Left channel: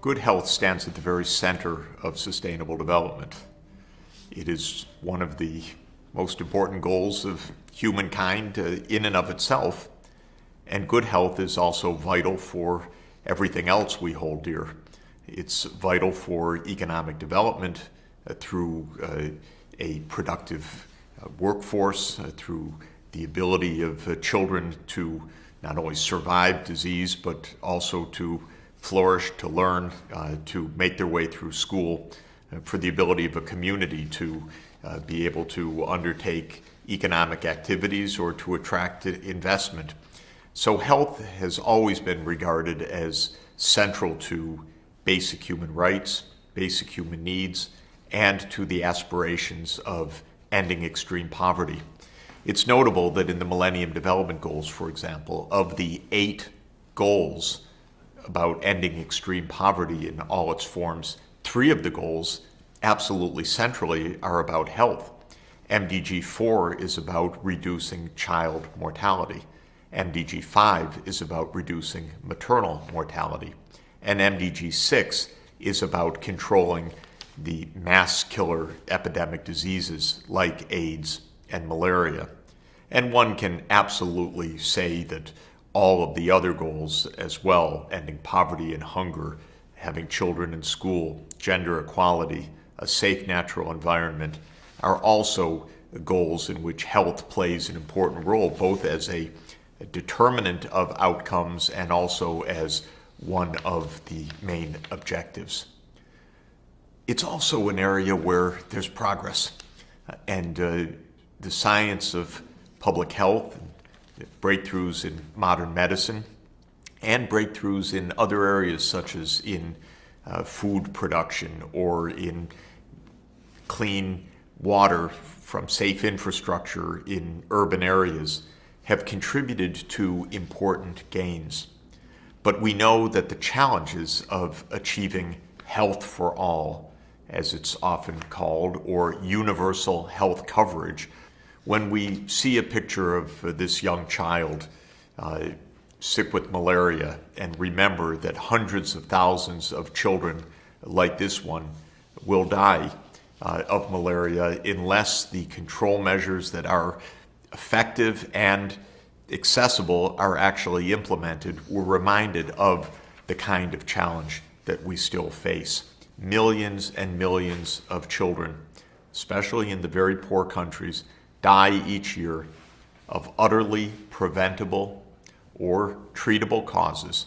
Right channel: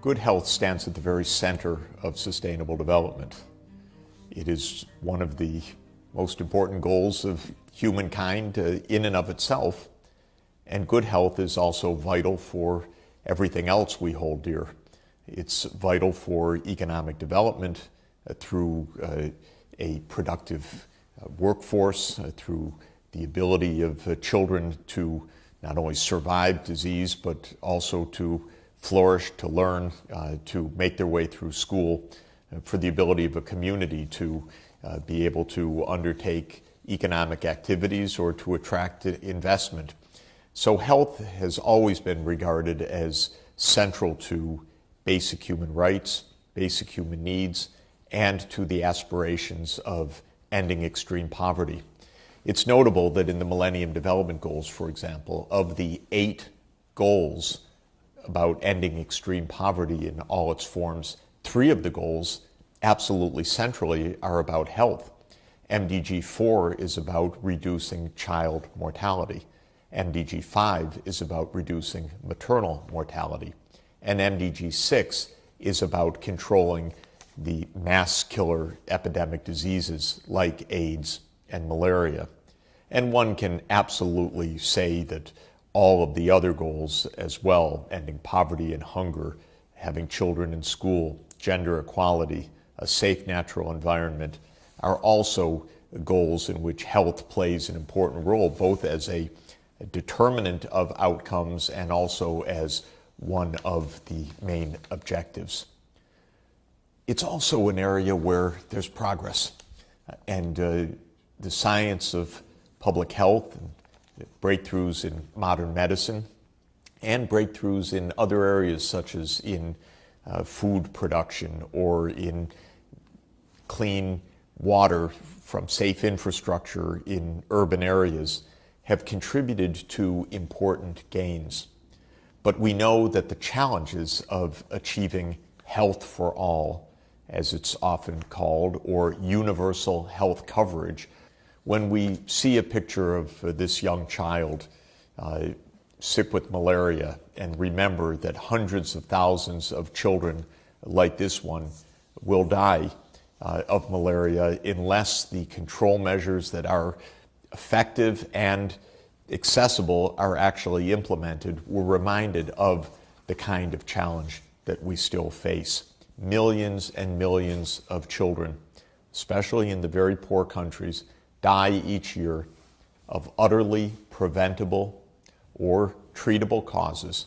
Good health stands at the very center of sustainable development. It is one of the most important goals of humankind in and of itself, and good health is also vital for everything else we hold dear. It's vital for economic development through a productive workforce, through the ability of children to not only survive disease, but also to flourish, to learn, to make their way through school, for the ability of a community to be able to undertake economic activities or to attract investment. So health has always been regarded as central to basic human rights, basic human needs, and to the aspirations of ending extreme poverty. It's notable that in the Millennium Development Goals, for example, of the 8 goals about ending extreme poverty in all its forms, 3 of the goals absolutely centrally are about health. MDG 4 is about reducing child mortality. MDG 5 is about reducing maternal mortality. And MDG 6 is about controlling the mass killer epidemic diseases like AIDS and malaria. And one can absolutely say that all of the other goals as well, ending poverty and hunger, having children in school, gender equality, a safe natural environment, are also goals in which health plays an important role, both as a determinant of outcomes and also as one of the main objectives. It's also an area where there's progress, and the science of public health, breakthroughs in modern medicine, and breakthroughs in other areas such as in food production or in clean water from safe infrastructure in urban areas have contributed to important gains. But we know that the challenges of achieving health for all, as it's often called, or universal health coverage, when we see a picture of this young child sick with malaria and remember that hundreds of thousands of children like this one will die of malaria unless the control measures that are effective and accessible are actually implemented, we're reminded of the kind of challenge that we still face. Millions and millions of children, especially in the very poor countries, die each year of utterly preventable or treatable causes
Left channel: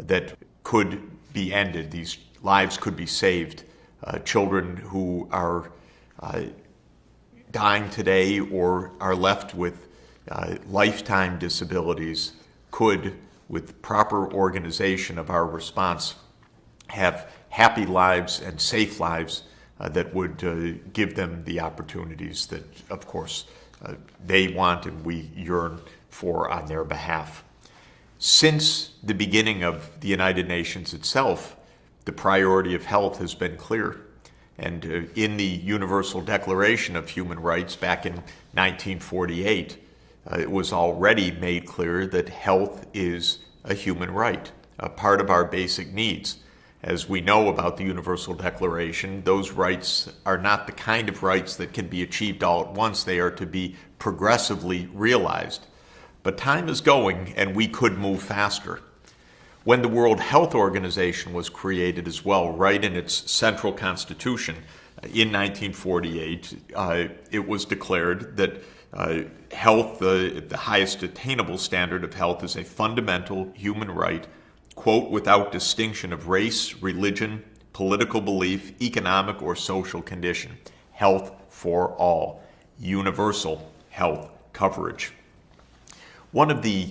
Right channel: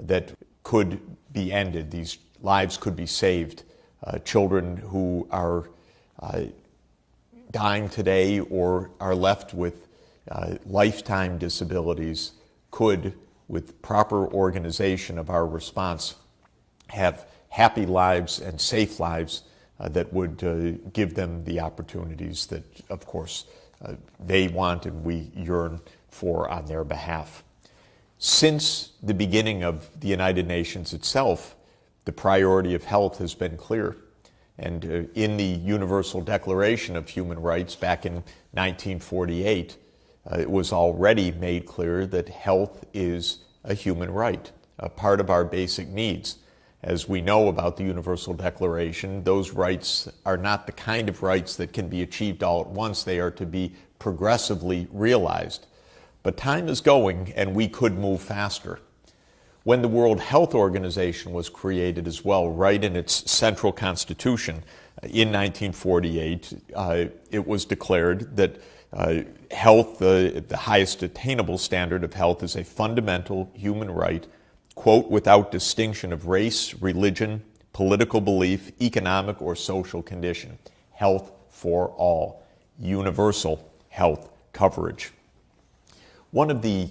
that could be ended. These lives could be saved. Children who are dying today or are left with lifetime disabilities could, with proper organization of our response, have happy lives and safe lives that would give them the opportunities that, of course, they want and we yearn for on their behalf. Since the beginning of the United Nations itself, the priority of health has been clear. And in the Universal Declaration of Human Rights back in 1948, it was already made clear that health is a human right, a part of our basic needs. As we know about the Universal Declaration, those rights are not the kind of rights that can be achieved all at once. They are to be progressively realized. But time is going, and we could move faster. When the World Health Organization was created as well, right in its central constitution in 1948, it was declared that health, the highest attainable standard of health, is a fundamental human right, quote, without distinction of race, religion, political belief, economic or social condition. Health for all. Universal health coverage. One of the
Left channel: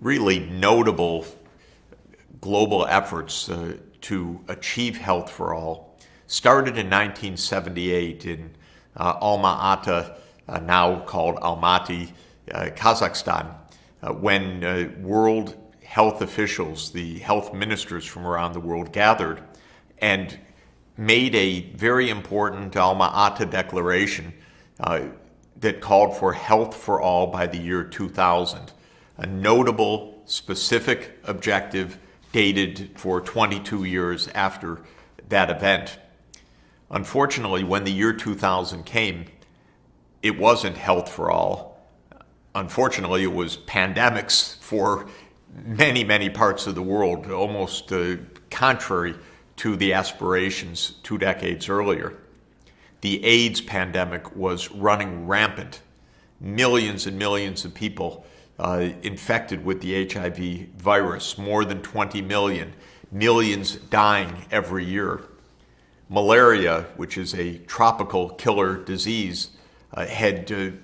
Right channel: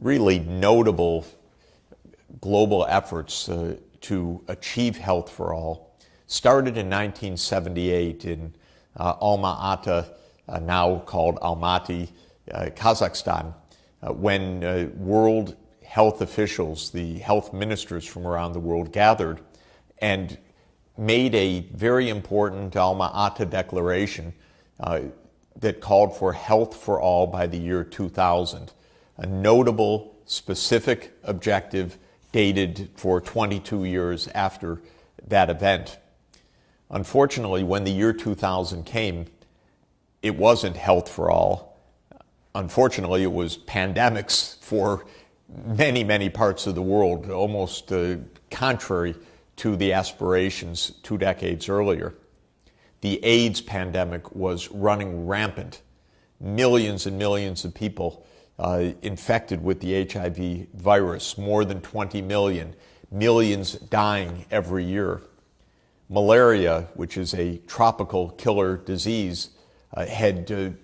really notable global efforts to achieve health for all started in 1978 in Alma-Ata, now called Almaty, Kazakhstan, when world health officials, the health ministers from around the world, gathered and made a very important Alma-Ata declaration that called for health for all by the year 2000, a notable specific objective dated for 22 years after that event. Unfortunately, when the year 2000 came, it wasn't health for all. Unfortunately, it was pandemics for many, many parts of the world, almost contrary to the aspirations 2 decades earlier. The AIDS pandemic was running rampant. Millions and millions of people infected with the HIV virus, more than 20 million, millions dying every year. Malaria, which is a tropical killer disease, had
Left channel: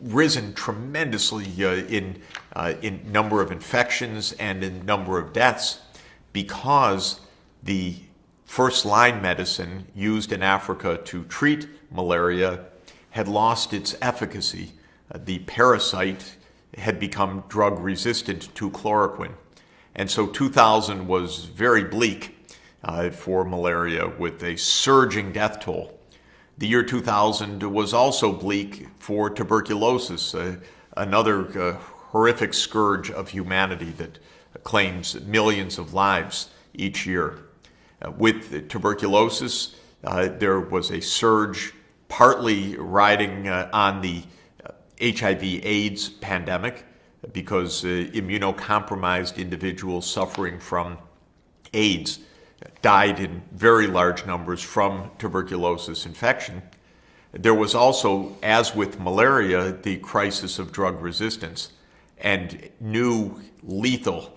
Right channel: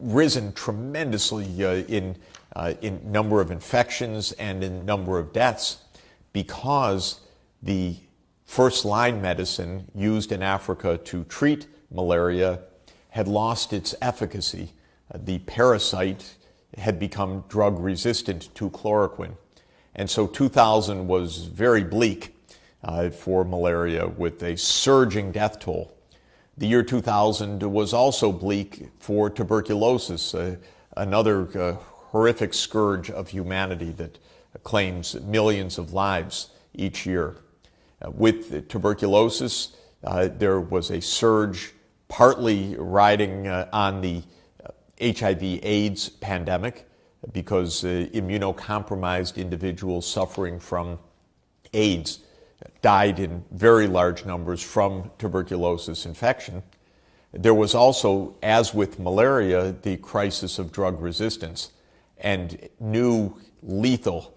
risen tremendously in number of infections and in number of deaths because the first-line medicine used in Africa to treat malaria had lost its efficacy. The parasite had become drug-resistant to chloroquine. And so 2000 was very bleak for malaria, with a surging death toll. The year 2000 was also bleak for tuberculosis, another horrific scourge of humanity that claims millions of lives each year. With tuberculosis, there was a surge partly riding on the HIV/AIDS pandemic because immunocompromised individuals suffering from AIDS died in very large numbers from tuberculosis infection. There was also, as with malaria, the crisis of drug resistance, and new lethal,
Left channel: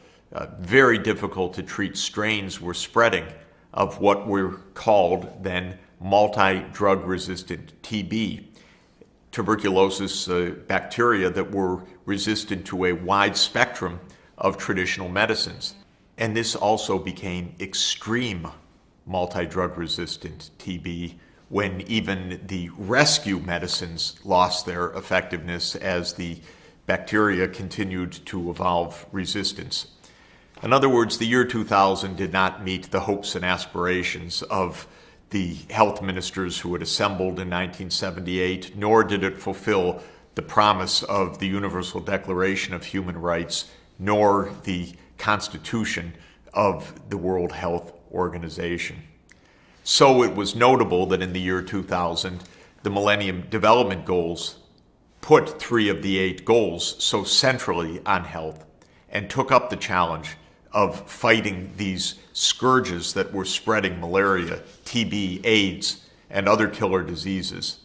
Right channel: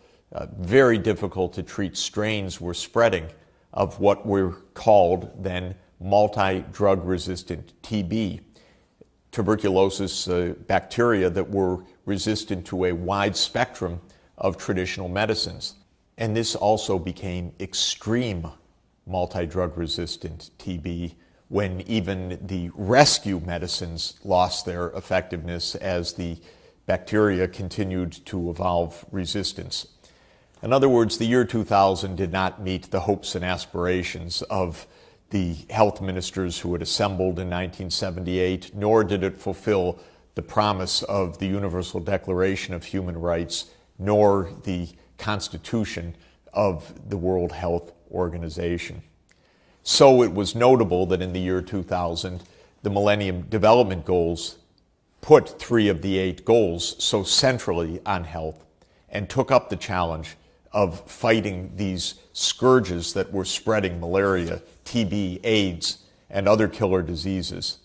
very difficult to treat strains were spreading of what were called then multi-drug resistant TB, tuberculosis bacteria that were resistant to a wide spectrum of traditional medicines. And this also became extreme multi-drug resistant TB when even the rescue medicines lost their effectiveness as the bacteria continued to evolve resistance. In other words, the year 2000 did not meet the hopes and aspirations of the health ministers who had assembled in 1978, nor did it fulfill the promise of the Universal Declaration of Human Rights, nor the Constitution of the World Health Organization. So it was notable that in the year 2000, the Millennium Development Goals put 3 of the 8 goals so centrally on health and took up the challenge of fighting these scourges that were spreading: malaria, TB, AIDS, and other killer diseases.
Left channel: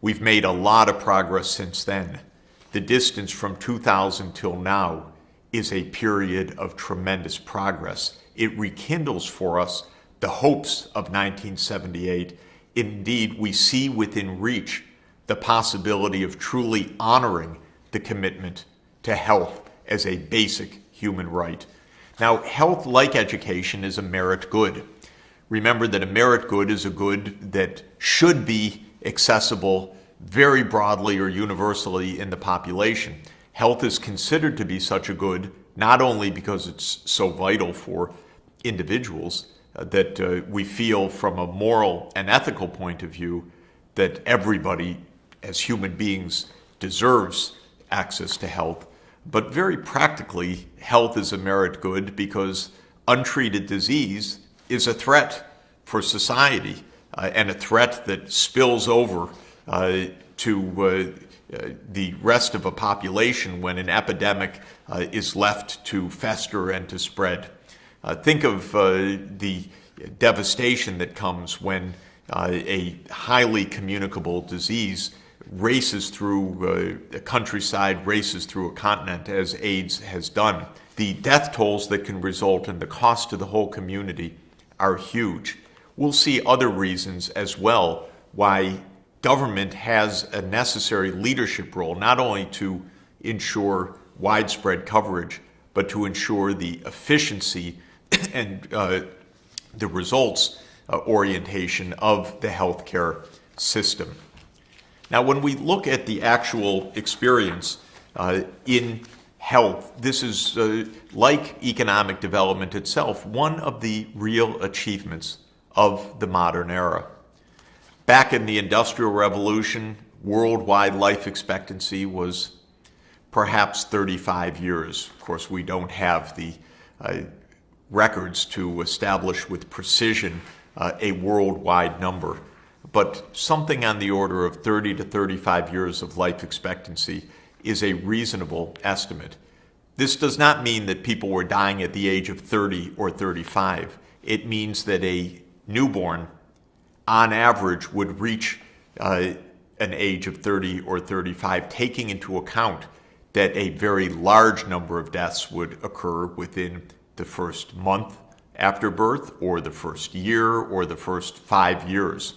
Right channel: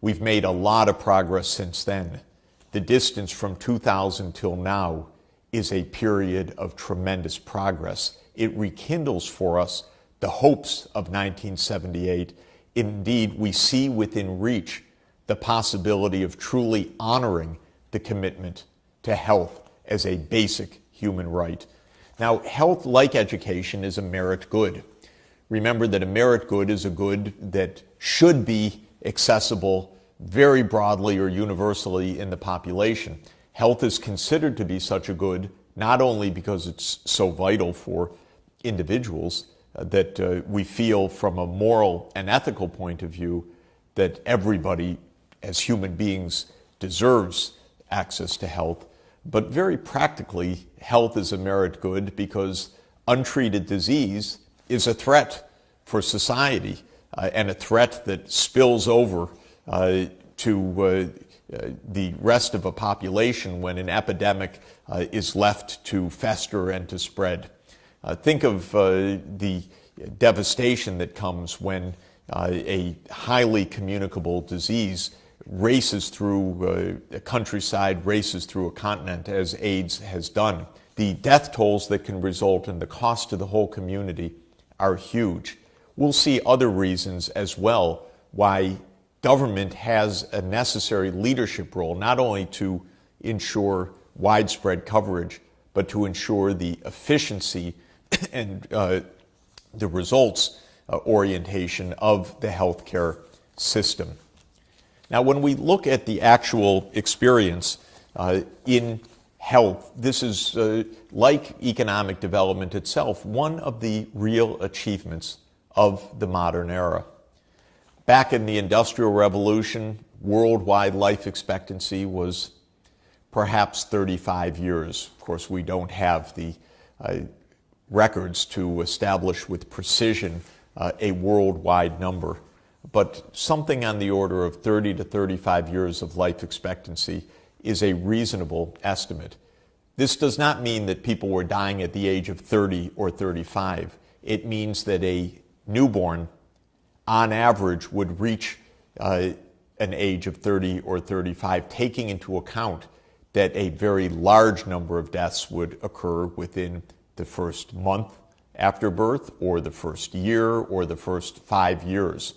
We've made a lot of progress since then. The distance from 2000 till now is a period of tremendous progress. It rekindles for us the hopes of 1978. Indeed, we see within reach the possibility of truly honoring the commitment to health as a basic human right. Now, health, like education, is a merit good. Remember that a merit good is a good that should be accessible very broadly or universally in the population. Health is considered to be such a good not only because it's so vital for individuals that we feel from a moral and ethical point of view that everybody as human beings deserves access to health, but very practically, health is a merit good because untreated disease is a threat for society and a threat that spills over to the rest of a population when an epidemic is left to fester and to spread. Think of the devastation that comes when a highly communicable disease races through a countryside, races through a continent, as AIDS has done. The death tolls that can result and the cost to the whole community are huge. We'll see other reasons as well why government has a necessary leadership role, not only to ensure widespread coverage, but to ensure the efficiency and the results orientation of the healthcare system. Now, when we look at the actual experience in health, this is, like economic development itself, one of the real achievements of the modern era. Back in the Industrial Revolution, worldwide life expectancy was perhaps 35 years. Of course, we don't have the records to establish with precision a worldwide number, but something on the order of 30 to 35 years of life expectancy is a reasonable estimate. This does not mean that people were dying at the age of 30 or 35. It means that a newborn, on average, would reach an age of 30 or 35, taking into account that a very large number of deaths would occur within the first month after birth, or the first year, or the first 5 years.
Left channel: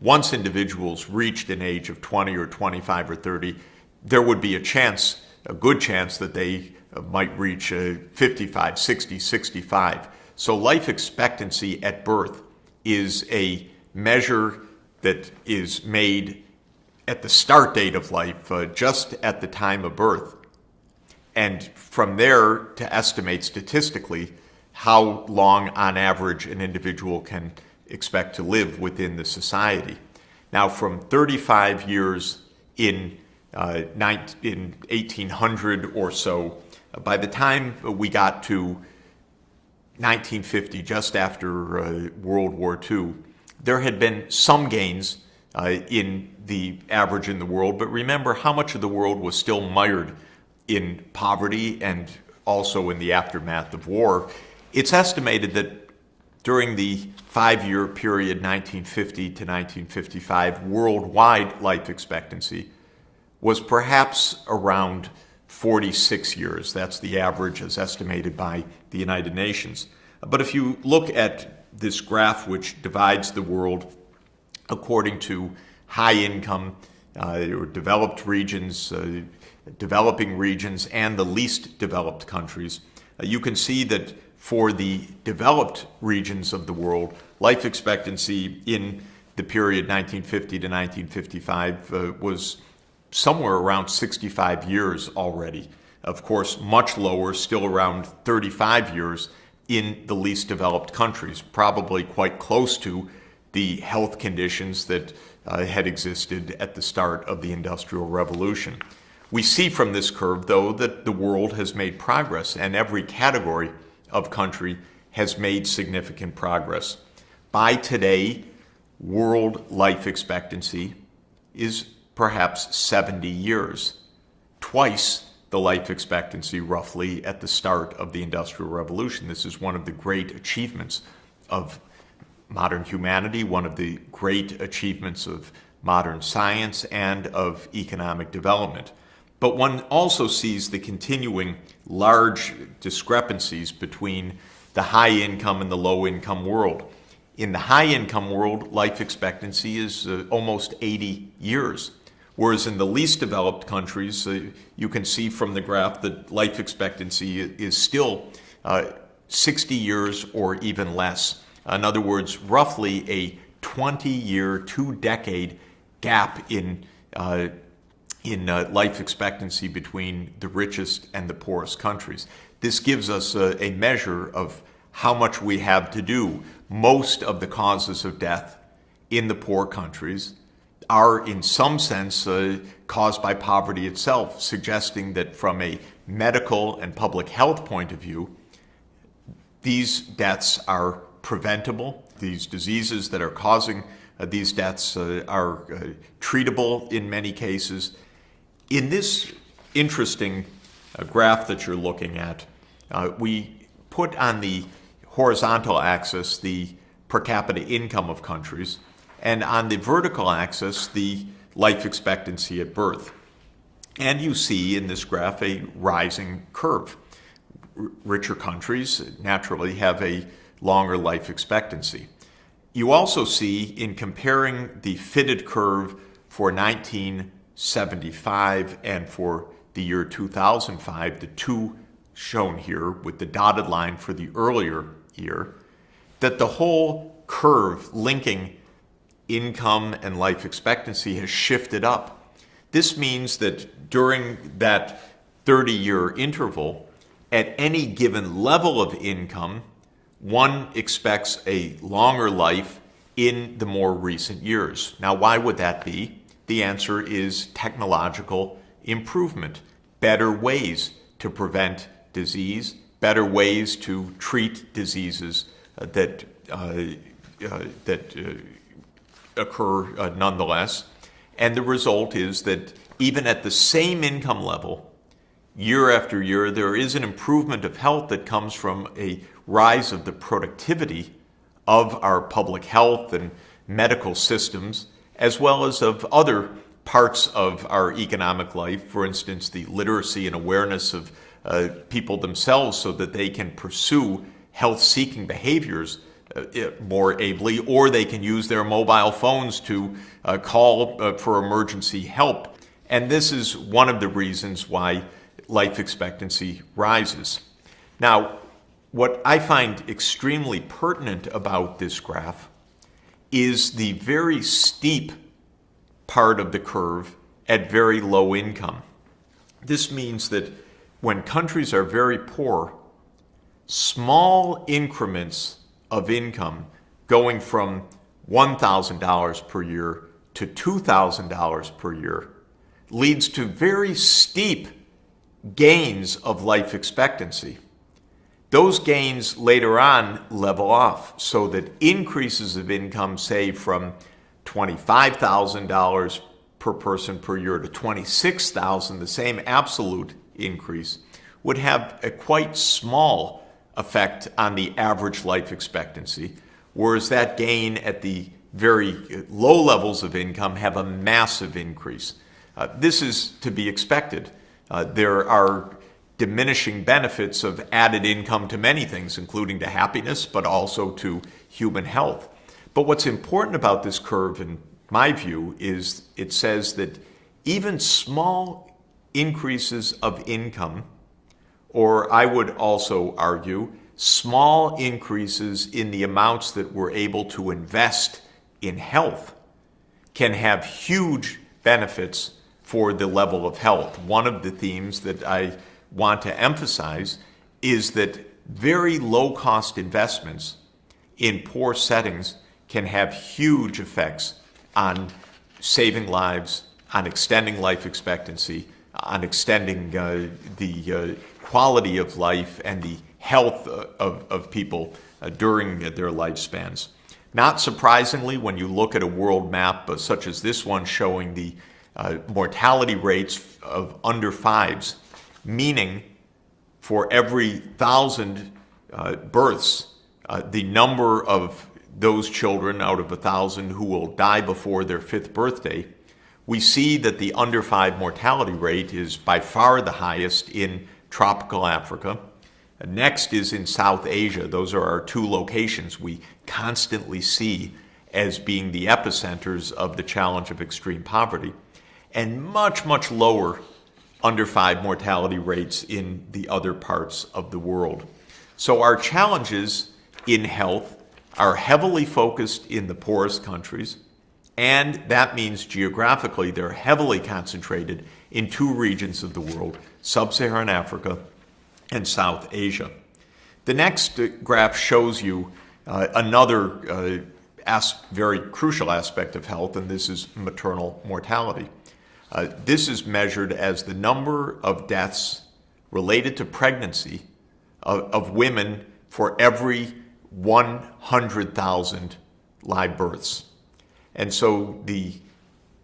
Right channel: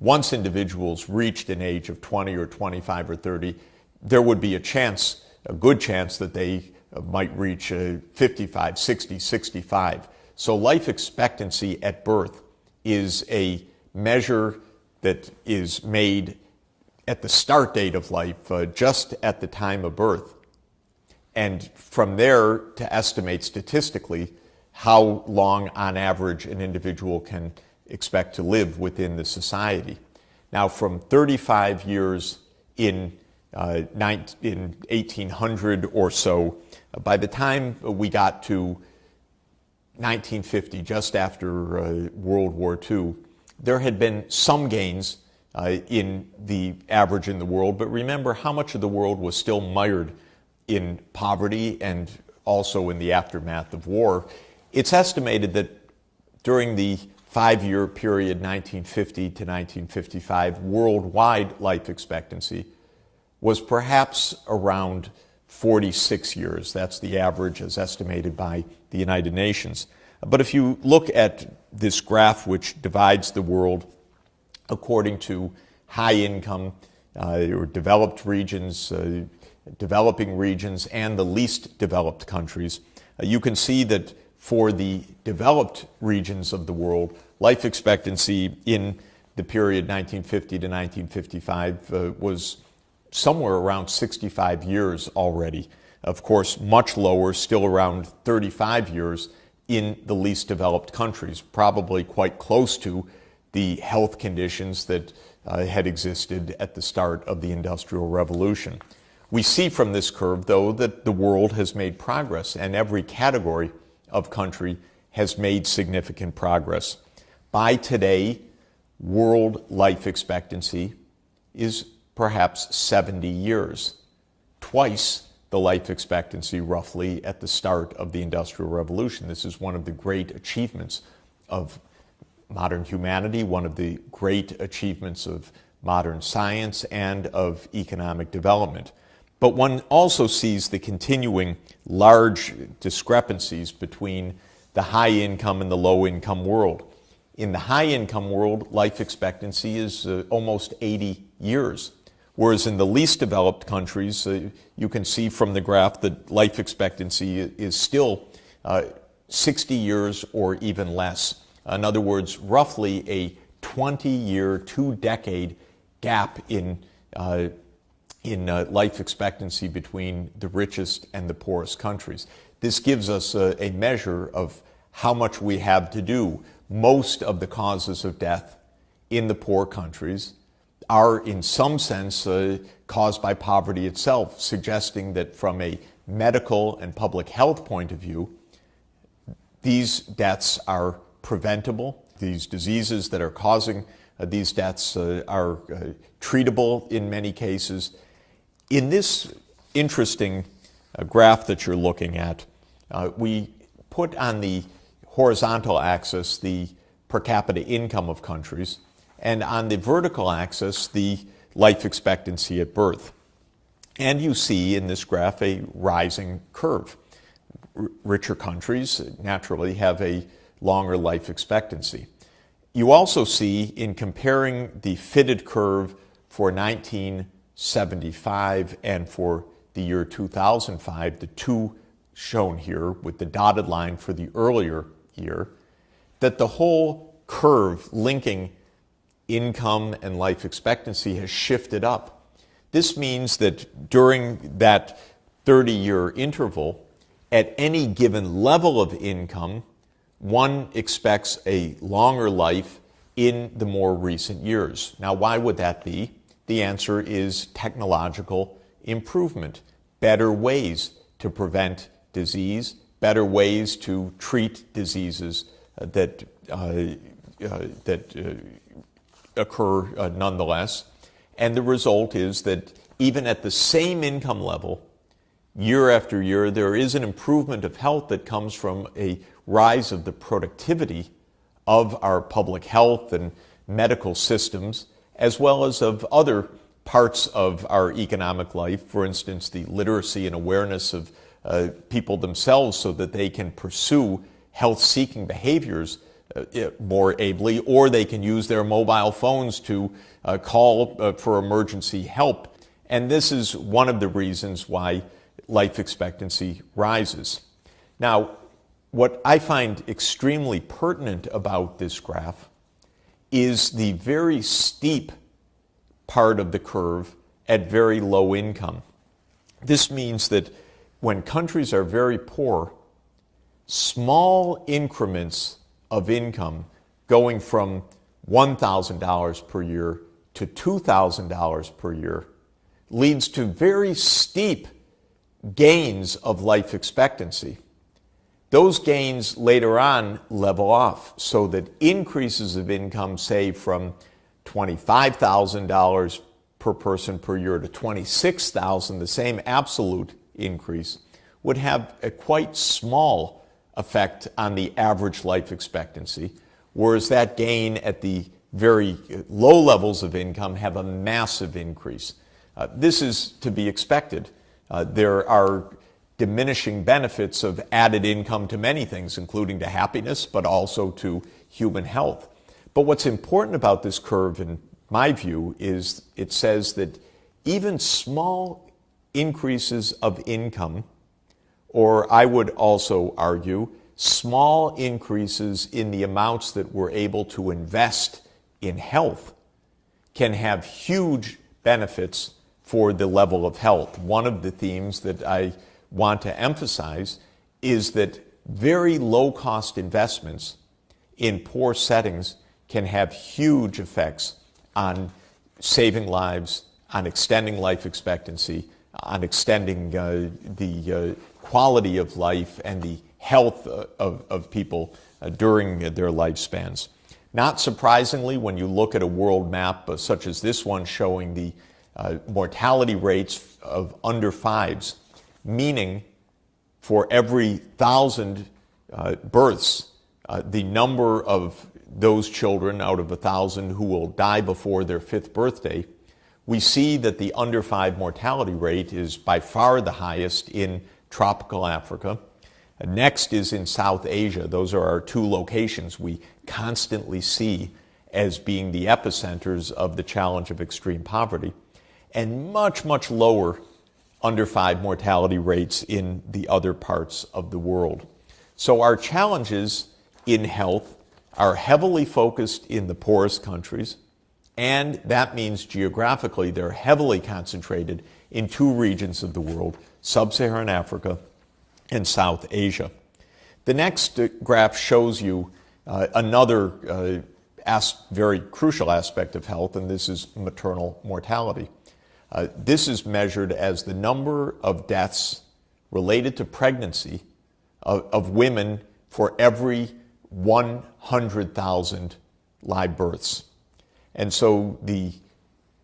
Once individuals reached an age of 20 or 25 or 30, there would be a good chance that they might reach 55, 60, 65. So life expectancy at birth is a measure that is made at the start date of life, just at the time of birth. And from there to estimate statistically how long on average an individual can expect to live within the society. Now, from 35 years in 1800 or so, by the time we got to 1950, just after World War II, there had been some gains in the average in the world, but remember how much of the world was still mired in poverty and also in the aftermath of war. It's estimated that during the 5-year period, 1950 to 1955, worldwide life expectancy was perhaps around 46 years. That's the average as estimated by the United Nations. But if you look at this graph, which divides the world according to high income or developed regions, developing regions, and the least developed countries, you can see that for the developed regions of the world, life expectancy in the period 1950 to 1955 was somewhere around 65 years already. Of course, much lower, still around 35 years in the least developed countries, probably quite close to the health conditions that had existed at the start of the Industrial Revolution. We see from this curve, though, that the world has made progress, and every category of country has made significant progress. By today, world life expectancy is perhaps 70 years, twice the life expectancy roughly at the start of the Industrial Revolution. This is one of the great achievements of modern humanity, one of the great achievements of modern science and of economic development. But one also sees the continuing large discrepancies between the high-income and the low-income world. In the high-income world, life expectancy is almost 80 years, whereas in the least developed countries, you can see from the graph that life expectancy is still 60 years or even less. In other words, roughly a 20-year, 2-decade gap in life expectancy between the richest and the poorest countries. This gives us a measure of how much we have to do. Most of the causes of death in the poor countries are in some sense caused by poverty itself, suggesting that from a medical and public health point of view, these deaths are preventable. These diseases that are causing these deaths are treatable in many cases. In this interesting graph that you're looking at, we put on the horizontal axis the per capita income of countries, and on the vertical axis the life expectancy at birth. And you see in this graph a rising curve. Richer countries naturally have a longer life expectancy. You also see, in comparing the fitted curve for 1975 and for the year 2005, the two shown here with the dotted line for the earlier year, that the whole curve linking income and life expectancy has shifted up. This means that during that 30-year interval, at any given level of income, one expects a longer life in the more recent years. Now, why would that be? The answer is technological improvement, better ways to prevent disease, better ways to treat diseases that occur nonetheless. And the result is that even at the same income level, year after year, there is an improvement of health that comes from a rise of the productivity of our public health and medical systems, as well as of other parts of our economic life. For instance, the literacy and awareness of people themselves so that they can pursue health-seeking behaviors more ably, or they can use their mobile phones to call for emergency help. And this is one of the reasons why life expectancy rises. Now, what I find extremely pertinent about this graph is the very steep part of the curve at very low income. This means that when countries are very poor, small increments of income going from $1,000 per year to $2,000 per year leads to very steep gains of life expectancy. Those gains later on level off so that increases of income, say from $25,000 per person per year to $26,000, the same absolute increase, would have a quite small effect on the average life expectancy, whereas that gain at the very low levels of income have a massive increase. This is to be expected. There are diminishing benefits of added income to many things, including to happiness, but also to human health. But what's important about this curve, in my view, is it says that even small increases of income, or I would also argue, small increases in the amounts that we're able to invest in health, can have huge benefits for the level of health. One of the themes that I want to emphasize is that very low-cost investments in poor settings can have huge effects on saving lives, on extending life expectancy, on extending the quality of life and the health of people during their lifespans. Not surprisingly, when you look at a world map such as this one showing the mortality rates of under fives, meaning for every 1,000 births, the number of those children out of 1,000 who will die before their 5th birthday, we see that the under 5 mortality rate is by far the highest in tropical Africa. Next is in South Asia. Those are our two locations we constantly see as being the epicenters of the challenge of extreme poverty, and much, much lower under 5 mortality rates in the other parts of the world. So our challenges in health are heavily focused in the poorest countries, and that means geographically they're heavily concentrated in two regions of the world, Sub-Saharan Africa and South Asia. The next graph shows you another very crucial aspect of health, and this is maternal mortality. This is measured as the number of deaths related to pregnancy of women for every 100,000 live births. And so the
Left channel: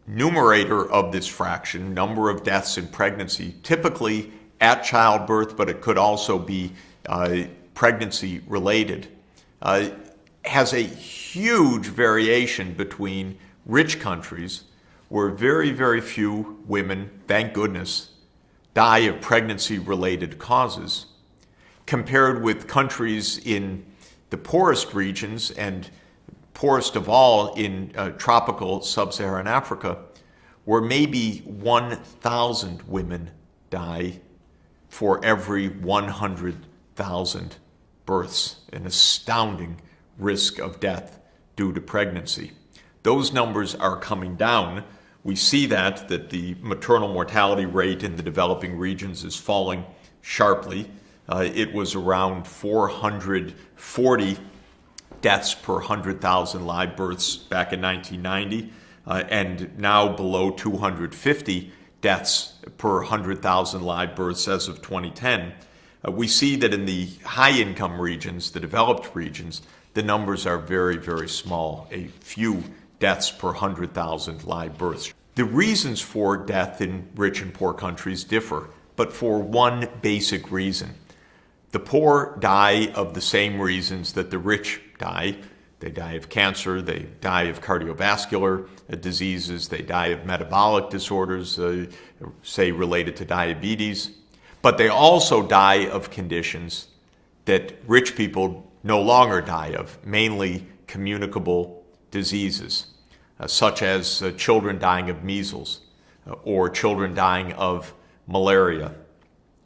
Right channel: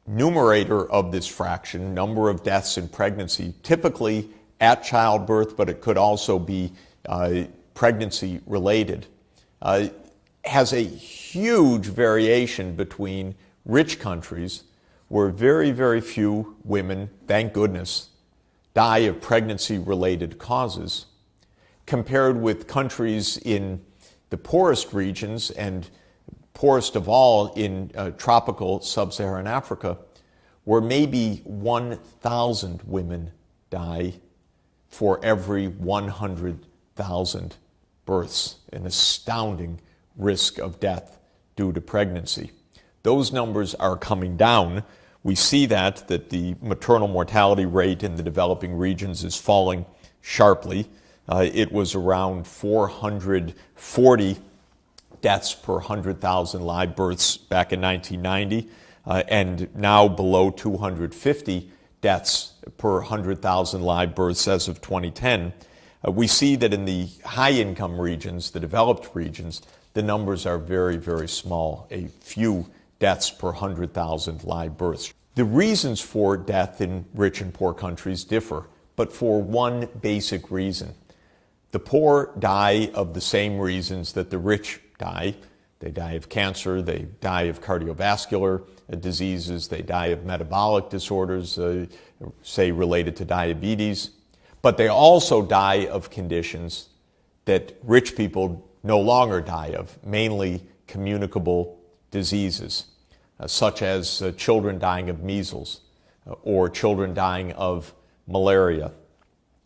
numerator of this fraction, number of deaths in pregnancy, typically at childbirth, but it could also be pregnancy related, has a huge variation between rich countries where very, very few women, thank goodness, die of pregnancy-related causes, compared with countries in the poorest regions, and poorest of all in tropical sub-Saharan Africa, where maybe 1,000 women die for every 100,000 births, an astounding risk of death due to pregnancy. Those numbers are coming down. We see that the maternal mortality rate in the developing regions is falling sharply. It was around 440 deaths per 100,000 live births back in 1990. and now below 250 deaths per 100,000 live births as of 2010. We see that in the high-income regions, the developed regions, the numbers are very, very small, a few deaths per 100,000 live births. The reasons for death in rich and poor countries differ, but for one basic reason. The poor die of the same reasons that the rich die. They die of cancer, they die of cardiovascular diseases, they die of metabolic disorders, say related to diabetes. But they also die of conditions that rich people no longer die of, mainly communicable diseases, such as children dying of measles, or children dying of malaria,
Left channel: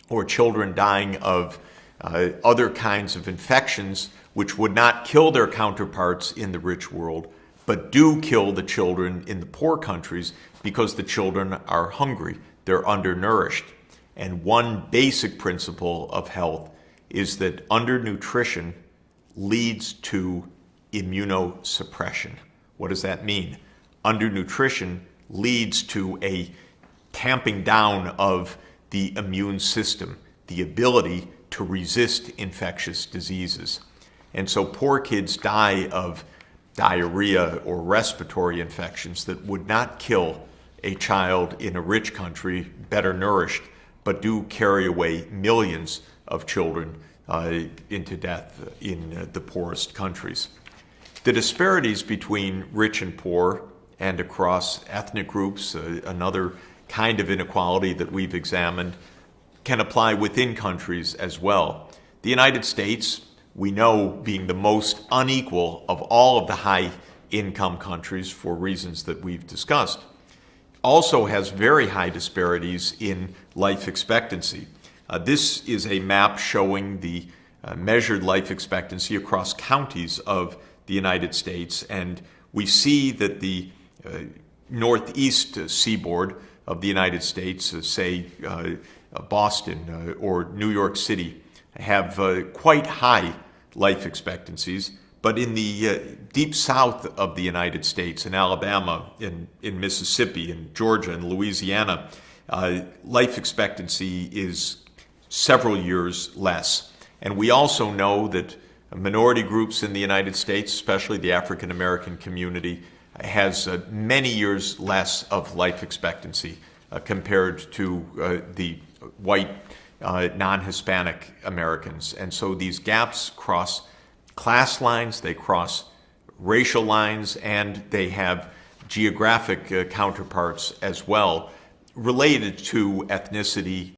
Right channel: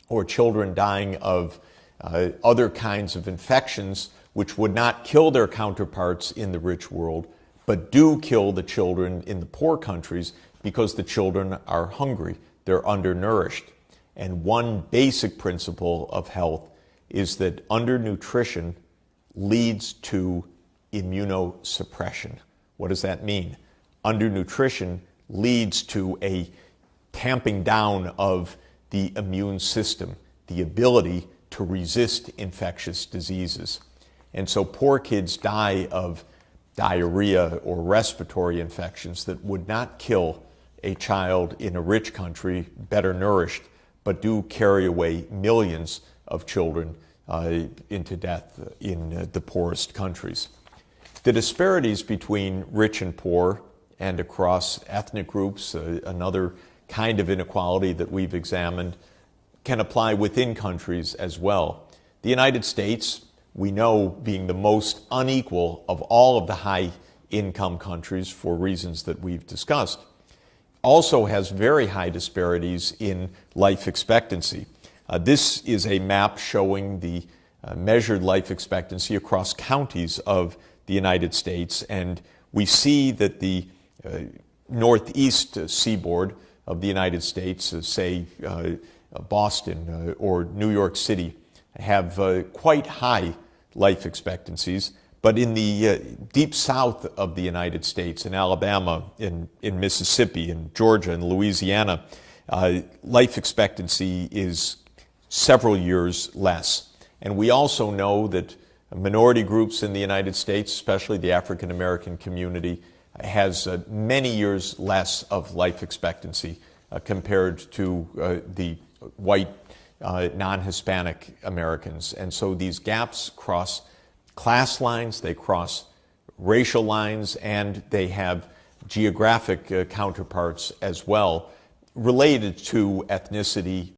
or children dying of other kinds of infections which would not kill their counterparts in the rich world, but do kill the children in the poor countries because the children are hungry, they're undernourished. And one basic principle of health is that undernutrition leads to immunosuppression. What does that mean? Undernutrition leads to a tamping down of the immune system, the ability to resist infectious diseases. And so poor kids die of diarrhea or respiratory infections that would not kill a child in a rich country, better nourished, but do carry away millions of children into death in the poorest countries. The disparities between rich and poor and across ethnic groups, another kind of inequality that we've examined, can apply within countries as well. The United States, we know, being the most unequal of all of the high-income countries for reasons that we've discussed, also has very high disparities in life expectancy. This is a map showing the measured life expectancy across counties of the United States, and we see that the northeast seaboard of the United States, say Boston or New York City, have quite high life expectancies, but in the deep south of the United States, in Alabama, in Mississippi, in Georgia, and Louisiana, life expectancy is several years less. And we also know that minority groups in the United States, especially the African American community, has many years less of life expectancy compared to the white non-Hispanic Americans. And so these gaps cross class lines, they cross racial lines, and they have geographic counterparts as well, related to ethnicity